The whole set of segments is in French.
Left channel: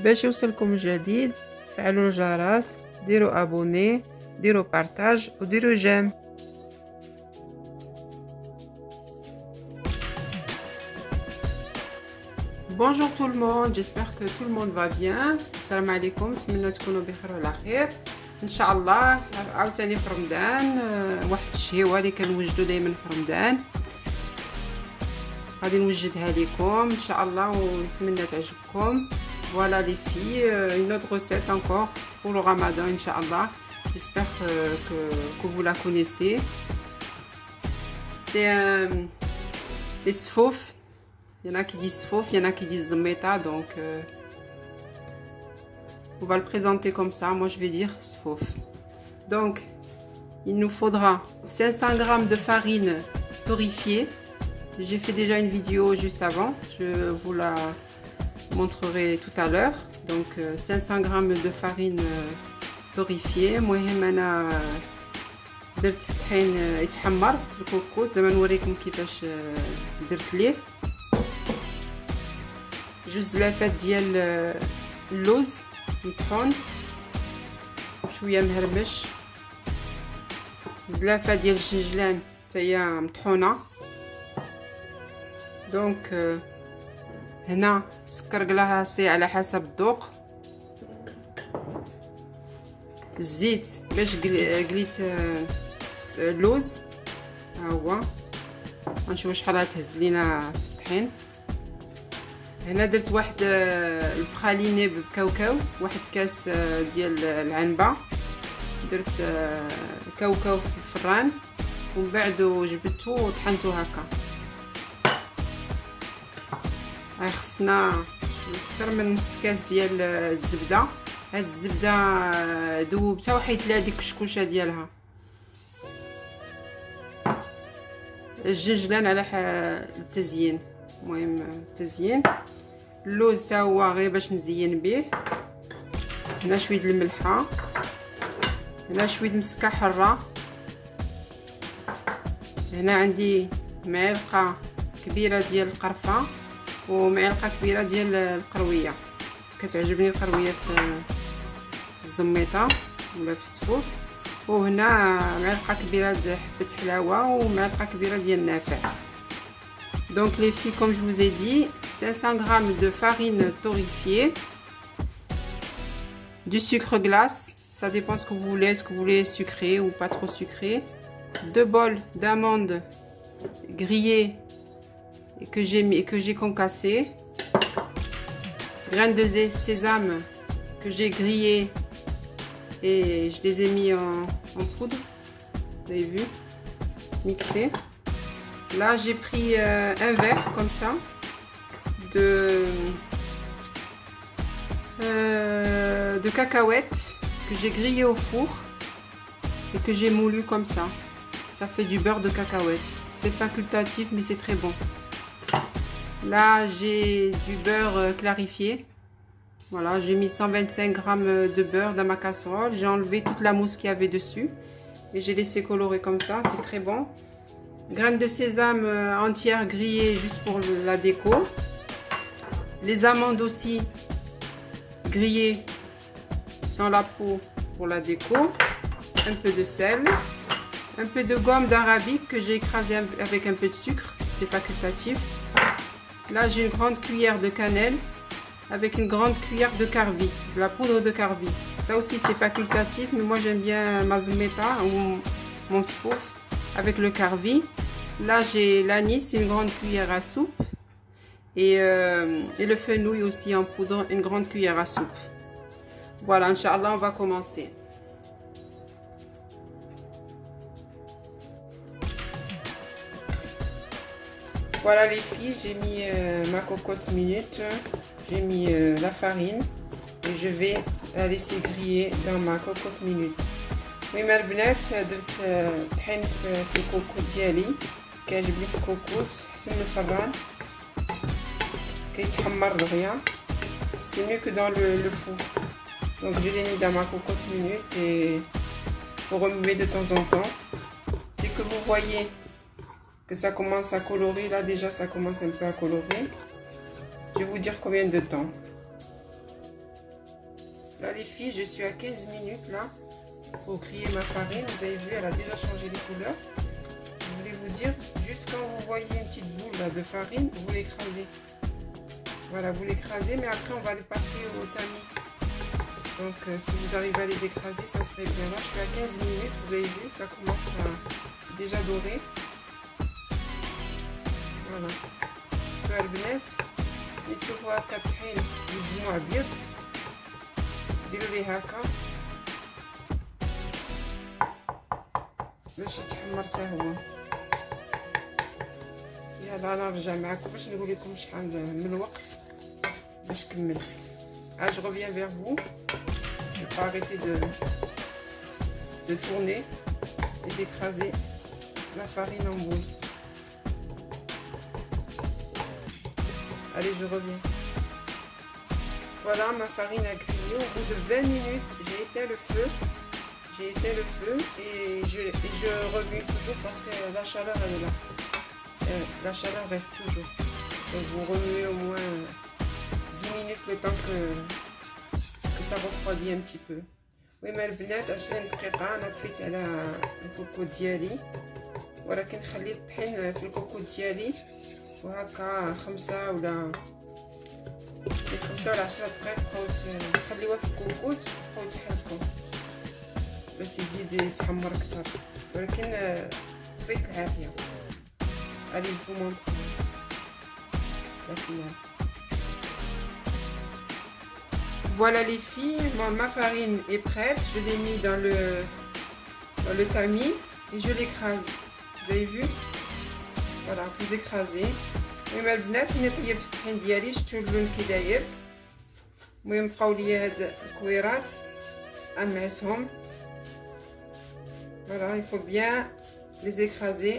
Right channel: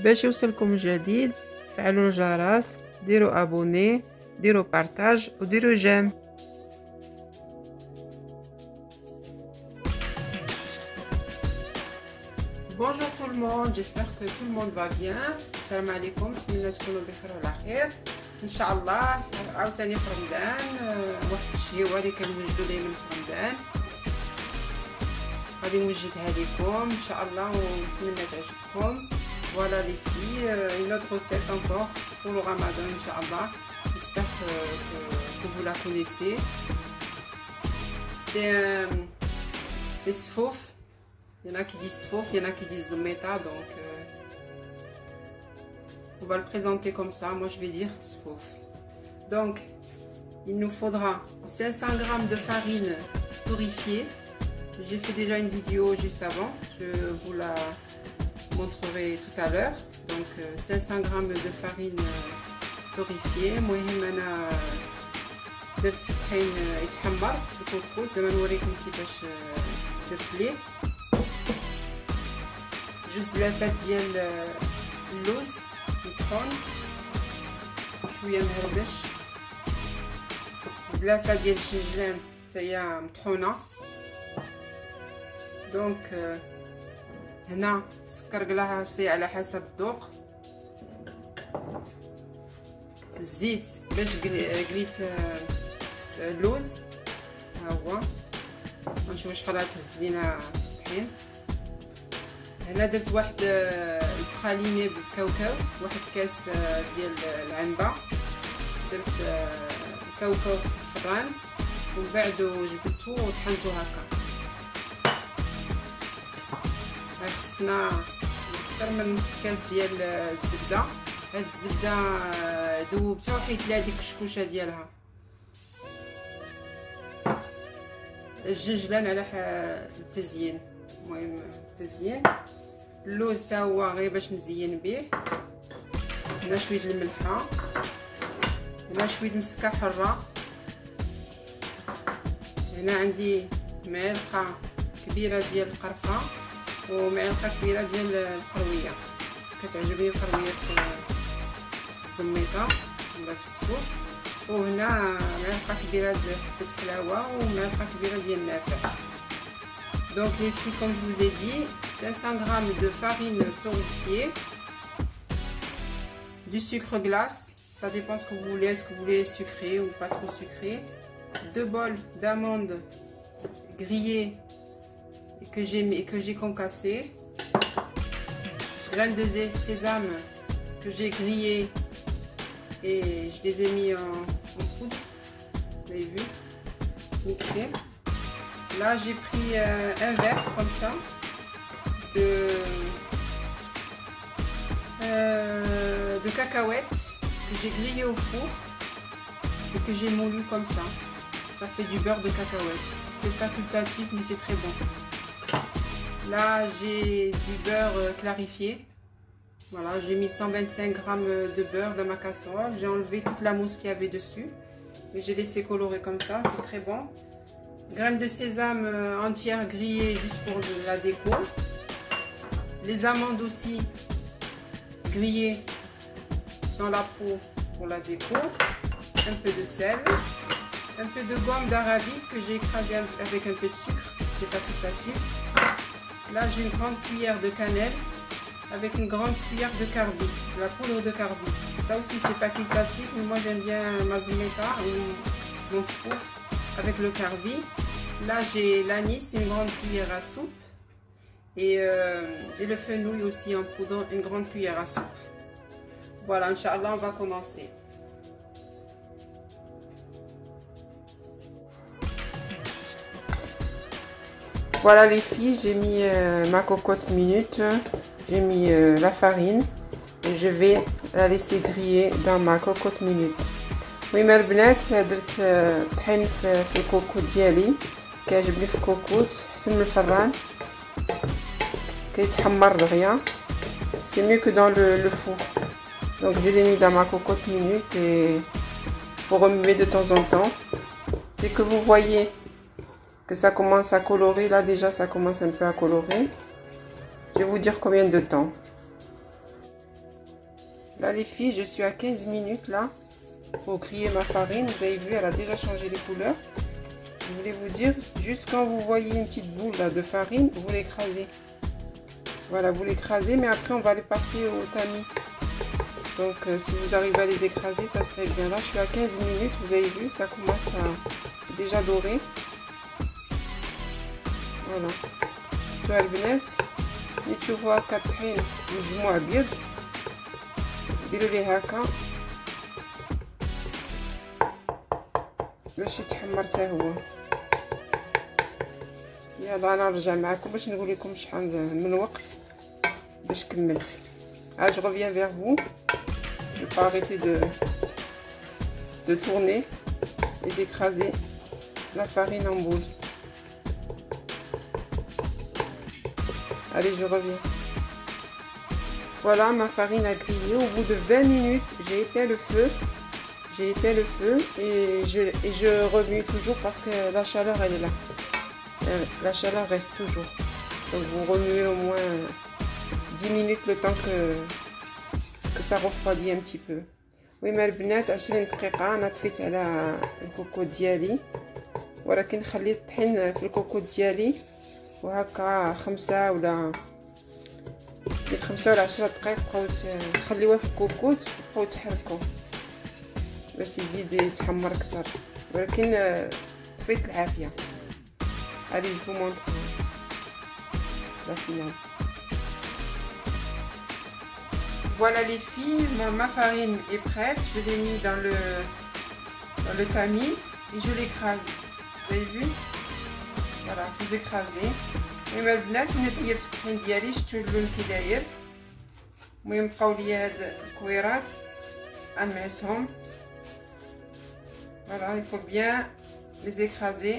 باش يوصلكم جديد فعلوا الجرس، ديروا ابوني، ديروا بارطاج وديروا جيم. Bonjour tout le monde, j'espère que tout le monde va bien. السلام عليكم، نتمنى تكونوا بخير وعلى خير ان شاء الله. عاوتاني في رمضان، واحد الشهوه اللي كنوجدوا دائما في رمضان غادي نوجدها لكم ان شاء الله ونتمنى تعجبكم. Voilà les filles, une autre recette encore pour le ramadan Inch'Allah. J'espère que vous la connaissez. C'est sfouf. Il y en a qui disent sfouf, il y en a qui disent zmeta, donc on va le présenter comme ça. Moi je vais dire sfouf. Donc il nous faudra 500 g de farine torréfiée. J'ai fait déjà une vidéo juste avant, je vous la montrerai tout à l'heure. Donc 500 g de farine torréfiée. المهم انا درت الطحين يتحمر الكركوت، دابا نوريكم كيفاش درت ليه. جوج زلافات ديال اللوز مطحون شويه مهرمش، زلافه ديال الشنجلان حتى هي مطحونه. دونك هنا سكر كلاصي على حسب الذوق، الزيت باش قليت اللوز ها هو، غنشوف شحال غتهز لينا الطحين. هنا درت واحد البخاليني بالكاوكاو، واحد كاس ديال العنبه، درت كاوكاو في الفران ومن بعد جبدته وطحنته هكا. خصنا اكثر من نص كاس ديال الزبده. هاد الزبده ذوبتها وحيت لها ديك الشكوشه ديالها. الجنجلان على التزيين، المهم التزيين. اللوز حتى هو غير باش نزين به. هنا شويه الملحه، هنا شويه مسكه حره، هنا عندي معلقه كبيره ديال القرفه ومعلقه كبيره ديال القرويه. كتعجبني القرويه في الزميطه ولا في السفوف. وهنا معلقه كبيره ديال حبه حلاوه ومعلقه كبيره ديال النافع. Donc les filles, comme je vous ai dit, 500 g de farine torréfiée, du sucre glace, ça dépend ce que vous voulez, est-ce que vous voulez sucré ou pas trop sucré, 2 bols d'amandes grillées que j'ai concassées, graines de sésame que j'ai grillées et je les ai mis en poudre, vous avez vu, mixé. Là j'ai pris un verre comme ça de cacahuètes que j'ai grillé au four et que j'ai moulu comme ça. Ça fait du beurre de cacahuète. C'est facultatif mais c'est très bon. Là j'ai du beurre clarifié. Voilà, j'ai mis 125 g de beurre dans ma casserole. J'ai enlevé toute la mousse qu'il y avait dessus et j'ai laissé colorer comme ça. C'est très bon. Graines de sésame entières grillées juste pour la déco. Les amandes aussi grillées sans la peau pour la déco. Un peu de sel. Un peu de gomme d'arabique que j'ai écrasé avec un peu de sucre. C'est facultatif. Là j'ai une grande cuillère de cannelle avec une grande cuillère de carvi, de la poudre de carvi. Ça aussi c'est facultatif, mais moi j'aime bien ma zmeta ou mon sfouf avec le carvi. Là j'ai l'anis, une grande cuillère à soupe, et le fenouil aussi en poudre, une grande cuillère à soupe. Voilà, Inch'Allah, on va commencer. Voilà les filles, j'ai mis ma cocotte minute, j'ai mis la farine et je vais la laisser griller dans ma cocotte minute. المهم البنات درت طحين في الكوكوت ديالي، كيعجبني في الكوكوت احسن من الفران، كيتحمر دغيا. C'est mieux que dans le four. Donc je l'ai mis dans ma cocotte minute et il faut remuer de temps en temps. Dès que vous voyez que ça commence à colorer, là déjà ça commence un peu à colorer, je vais vous dire combien de temps. Là les filles, je suis à 15 minutes là pour griller ma farine. Vous avez vu, elle a déjà changé de couleur. Je voulais vous dire, juste quand vous voyez une petite boule là, de farine, vous l'écrasez. Voilà, vous l'écrasez, mais après on va les passer au tamis. Donc si vous arrivez à les écraser, ça serait bien. Là je suis à 15 minutes, vous avez vu, ça commence à déjà dorer. Voilà. شفتوا البنات نشوفوا هكا طحين مجموع ابيض ديروا ليه هكا باش يتحمر حتى هو. يلا انا نرجع معكم باش نقول لكم شحال من وقت باش كملت. Je reviens vers vous. Je vais pas arrêter de tourner et d'écraser la farine en boule. Allez, je reviens. Voilà, ma farine a grillé. Au bout de 20 minutes, j'ai éteint le feu. Et je remue toujours parce que la chaleur, elle est là. La chaleur reste toujours. Donc, vous remuez au moins 10 minutes le temps que ça refroidit un petit peu. Oui, ما البنات 20 دقيقة أنا طفيت على الكوكو ديالي، ولكن خليت الطحين في الكوكو ديالي وهكا 5 ولا 10 دقائق بقاو تخليوه في الكوكوط وبقاو تحركوه باش يزيد يتحمر اكثر، ولكن طفيت العافية. Allez, je vous montre la finale. Voilà les filles, ma farine est prête. Je l'ai mis dans le tamis et je l'écrase. Vous avez vu? Voilà, vous écrasez. المهم البنات ملي طيبت الطحين ديالي شفتوا اللون كي داير. المهم بقاو لي هاد الكويرات نعسهم. Voilà, il faut bien les écraser.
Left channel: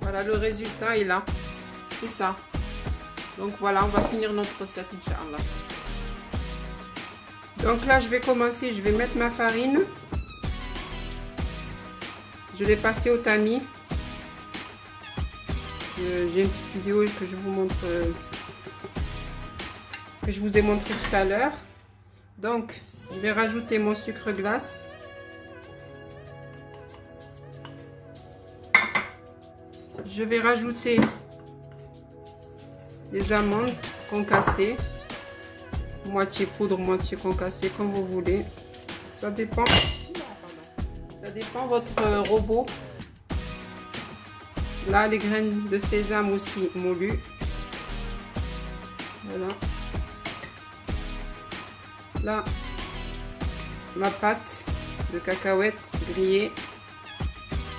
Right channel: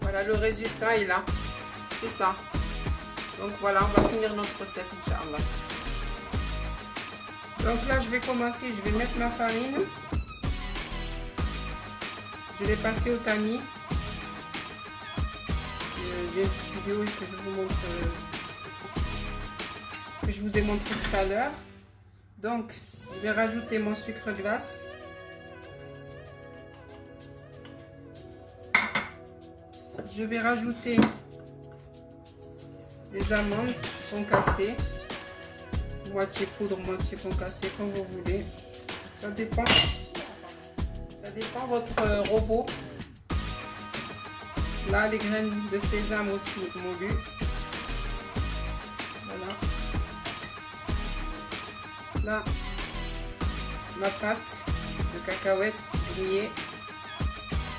Voilà, le résultat est là. C'est ça. Donc voilà, on va finir notre recette, Inch'Allah. Donc là, je vais commencer, je vais mettre ma farine. Je vais passer au tamis. J'ai une petite vidéo que je vous montre, que je vous ai montré tout à l'heure. Donc, je vais rajouter mon sucre glace. Je vais rajouter des amandes concassées, moitié poudre, moitié concassée, comme vous voulez. Ça dépend votre robot. Là, les graines de sésame aussi moulues. Voilà. Là, ma pâte de cacahuètes grillée.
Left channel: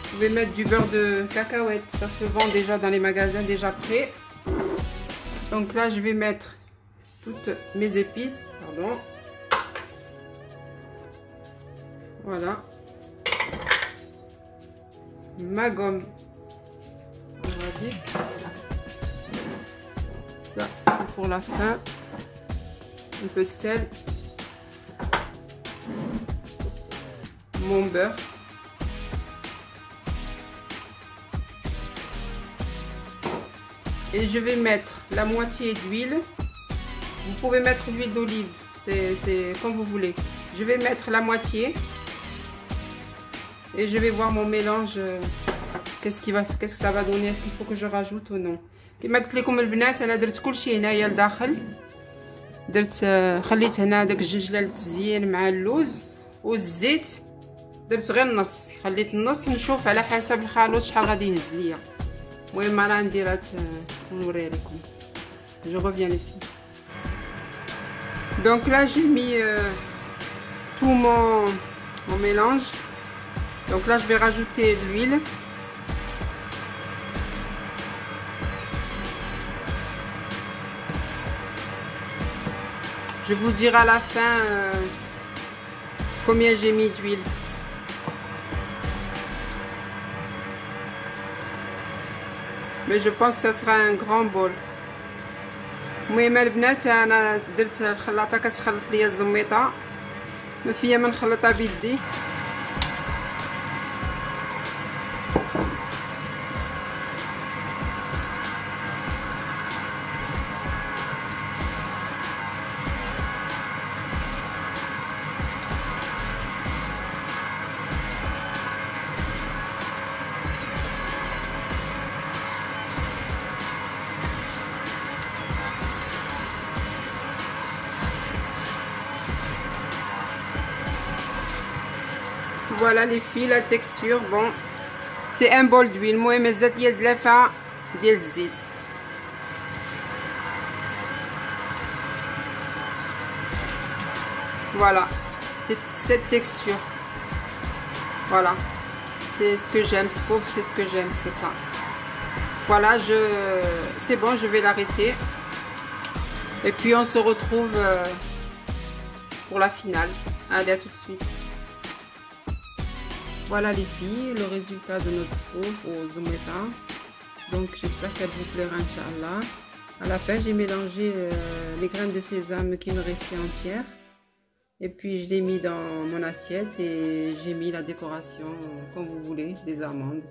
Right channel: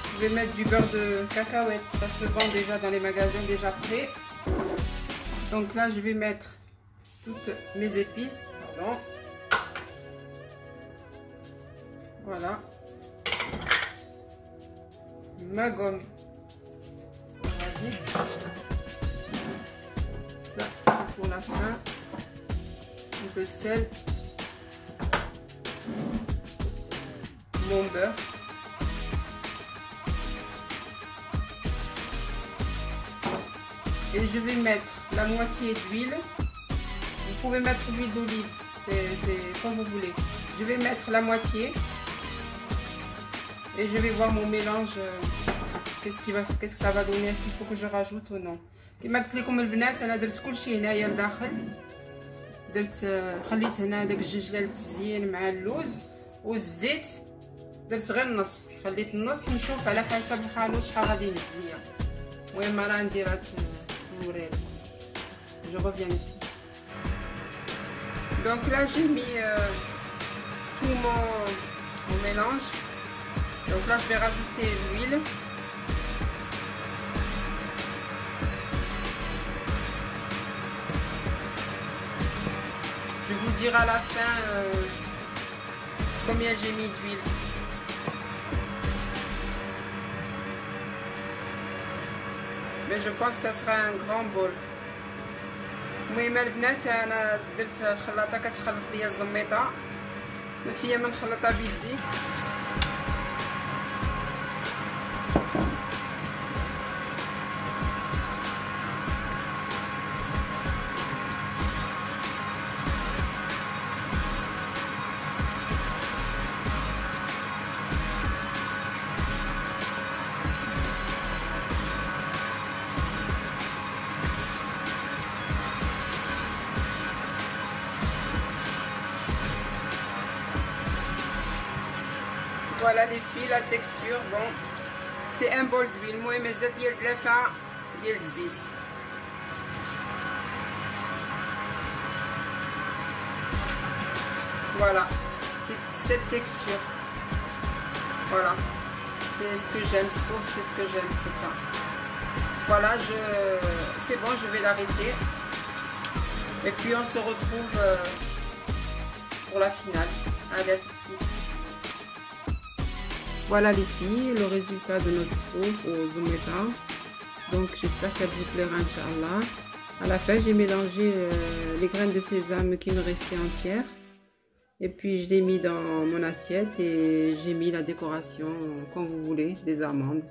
Vous pouvez mettre du beurre de cacahuète, ça se vend déjà dans les magasins déjà prêt. Donc là, je vais mettre toutes mes épices, pardon. Voilà. Ma gomme arabique. Ça, c'est pour la fin. Un peu de sel. Mon beurre. Et je vais mettre la moitié d'huile. Vous pouvez mettre l'huile d'olive, c'est comme vous voulez. Je vais mettre la moitié. Et je vais voir mon mélange. Qu'est-ce que ça va donner? Est-ce qu'il faut que je rajoute ou non? كما قلت لكم البنات انا درت كلشي هنايا لداخل. درت خليت هنا داك الجنجله للتزيين مع اللوز والزيت. درت غير النص، خليت النص نشوف على حسب الخلوط شحال غادي يهز ليا. المهم راه نديرها نوريها لكم. Je reviens ici. Donc là j'ai mis tout mon mélange. Donc là je vais rajouter l'huile. Je vous dirai à la fin combien j'ai mis d'huile. Mais je pense que ça sera un grand bol. المهم البنات انا درت الخلاطه كتخلط ليا الزميطه ما فيا ما نخلطها بيدي. Voilà les filles, la texture, bon, c'est un bol d'huile. المهم الزيت هي زلافة ديال الزيت. Voilà, c'est cette texture. Voilà, c'est ce que j'aime, c'est ce que j'aime, c'est ça. Voilà, c'est bon, je vais l'arrêter. Et puis on se retrouve pour la finale. Allez, à tout de suite. Voilà les filles, le résultat de notre sauce aux omettins. Donc j'espère qu'elle vous plaira, Inch'Allah. À la fin, j'ai mélangé les graines de sésame qui me restaient entières. Et puis je l'ai mis dans mon assiette et j'ai mis la décoration comme vous voulez, des amandes.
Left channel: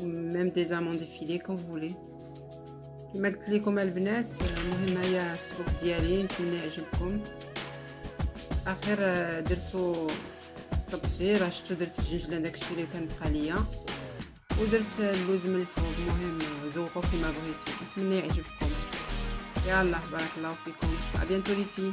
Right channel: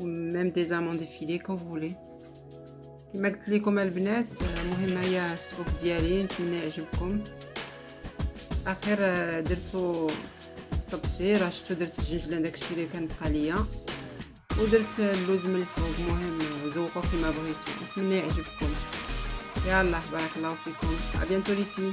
Ou même des amandes effilées comme vous voulez. كما قلت لكم البنات المهم هي الصفوف ديالي نتمنى يعجبكم. اخر درتو تبصير شفتو درت الجنجله داكشي اللي كان بقى ليا ودرت اللوز من الفوق. المهم ذوقوا كما بغيتو، نتمنى يعجبكم. يلا بارك الله فيكم، ابيانتو لي فيه.